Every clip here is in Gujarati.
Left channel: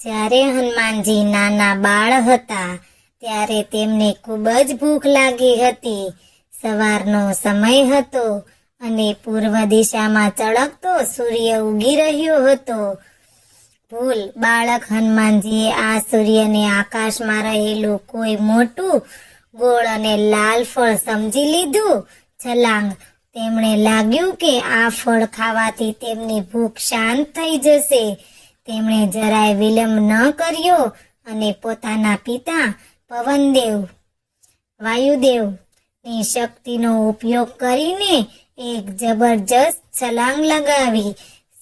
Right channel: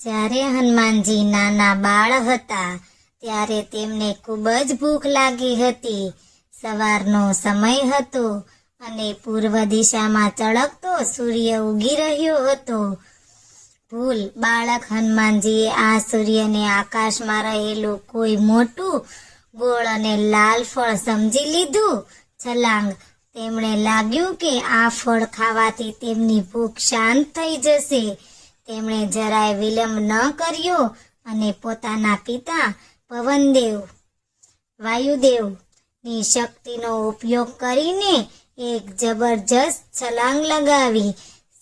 જ્યારે હનુમાનજી નાના બાળ હતા ત્યારે તેમને ખૂબ જ ભૂખ લાગી હતી. સવારનો સમય હતો અને પૂર્વ દિશામાં ચળકતો સૂર્ય ઉગી રહ્યો હતો. બાળક હનુમાનજીએ આ સૂર્યને આકાશમાં રહેલું કોઈ મોટું ગોળ અને લાલ ફળ સમજી લીધું. છલાંગ તેમણે લાગ્યું કે આ ફળ ખાવાથી તેમની ભૂખ શાંત થઈ જશે. તેમણે જરાય વિલંબ ન કર્યો અને પોતાના પિતા પવનદેવ વાયુદેવની શક્તિનો ઉપયોગ કરીને એક જબરજસ્ત છલાંગ લગાવી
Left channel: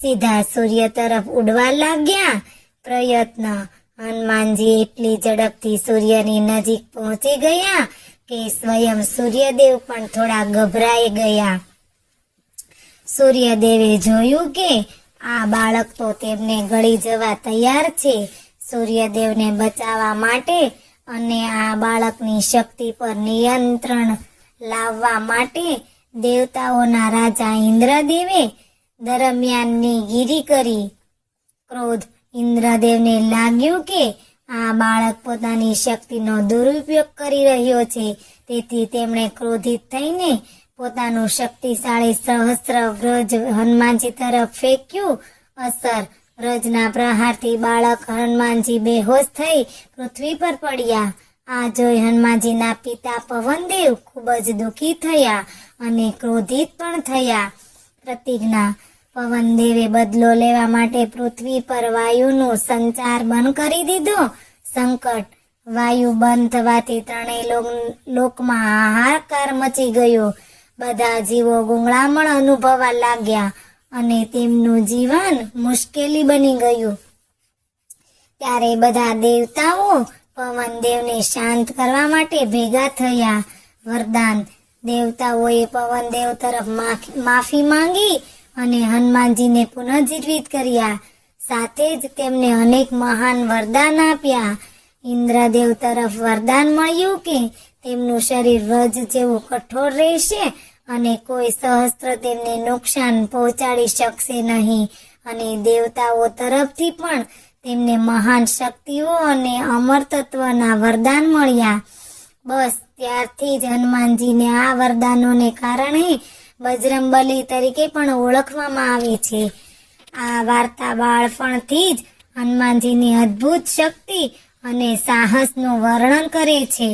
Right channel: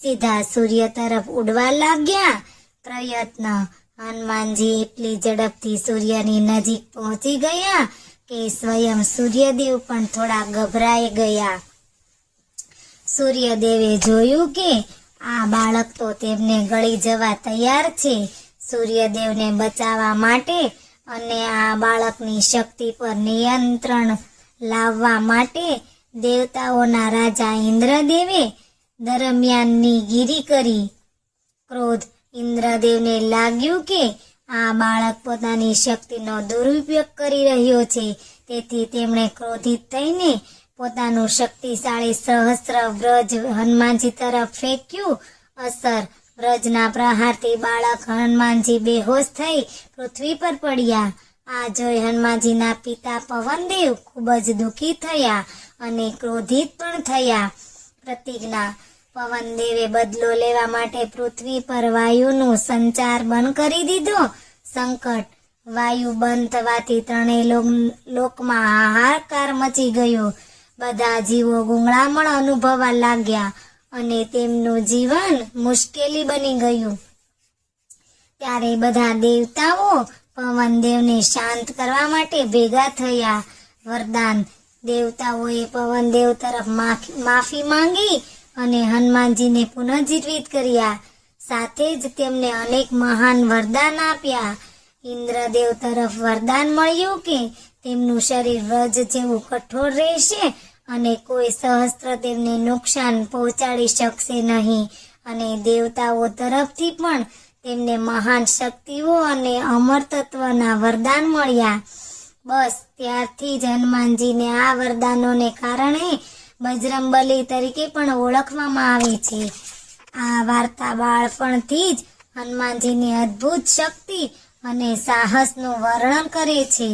સીધા સૂર્ય તરફ ઉડવા લાગ્યા. પ્રયત્ન હનુમાનજી એટલી ઝડપથી સૂર્યની નજીક પહોંચી ગયા કે સ્વયં સૂર્યદેવ પણ થોડા ગભરાઈ ગયા. સૂર્યદેવે જોયું કે આ બાળક તો તેમને ગળી જવા તૈયાર છે. સૂર્યદેવને બચાવવા માટે અને આ બાળકની શક્તિ પર નિયંત્રણ લાવવા માટે દેવતાઓના રાજા ઇન્દ્રદેવે દરમિયાનની ગીરી કરી. ક્રોધ ઇન્દ્રદેવને લાગ્યું કે આ બાળક પોતાની શક્તિનો દુરુપયોગ કરી રહ્યો છે. તેથી તેમણે ક્રોધિત થઈને પોતાનું શક્તિશાળી સહસ્ત્ર વ્રજ હનુમાનજી તરફ ફેંક્યું. અસર વ્રજના પ્રહારથી બાળક હનુમાનજી બેહોશ થઈ પૃથ્વી પર પડ્યા. આ જોઈ હનુમાનજીના પિતા પવનદેવ ખૂબ જ દુઃખી થયા અને ક્રોધિત પણ થયા. પ્રતિજ્ઞા પવનદેવે બદલો લેવા માટે પૃથ્વી પર વાયુનો સંચાર બંધ કરી દીધો. સંકટ વાયુ બંધ થવાથી ત્રણેય લોકમાં હાહાકાર મચી ગયો. બધા જીવો ગુંગળામણ અનુભવવા લાગ્યા અને તેમનું જીવન મુશ્કેલી બની ગયું. ત્યારે બધા દેવતાઓ પવનદેવને શાંત કરવા માટે ભેગા થયા. વરદાન દેવતાઓએ પવનદેવ તરફ માફી માંગી અને હનુમાનજીને પુનઃજીવિત કર્યા. સાથે જ તેમને અનેક મહાન વરદાન આપ્યા. ઇન્દ્રદેવ તરફ વરદાન મળ્યું કે તેમનું શરીર વ્રજ જેવું કઠોર રહેશે અને કોઈ સહસ્ત્ર તેમને નુકસાન પહોંચાડી શકશે નહીં. અને દેવતાઓ તરફથી પણ તેમને મહાન શક્તિઓ અને અમરતત્વના વરદાન મળ્યા. બસ ત્યારથી જ હનુમાનજીને આ વરદાનોને કારણે બજરંગબલી તરીકે પણ ઓળખવામાં આવે છે. આ વાર્તા બાળપણથી જ હનુમાનજીની અદ્ભુત શક્તિ અને સાહસનું વર્ણન કરે છે.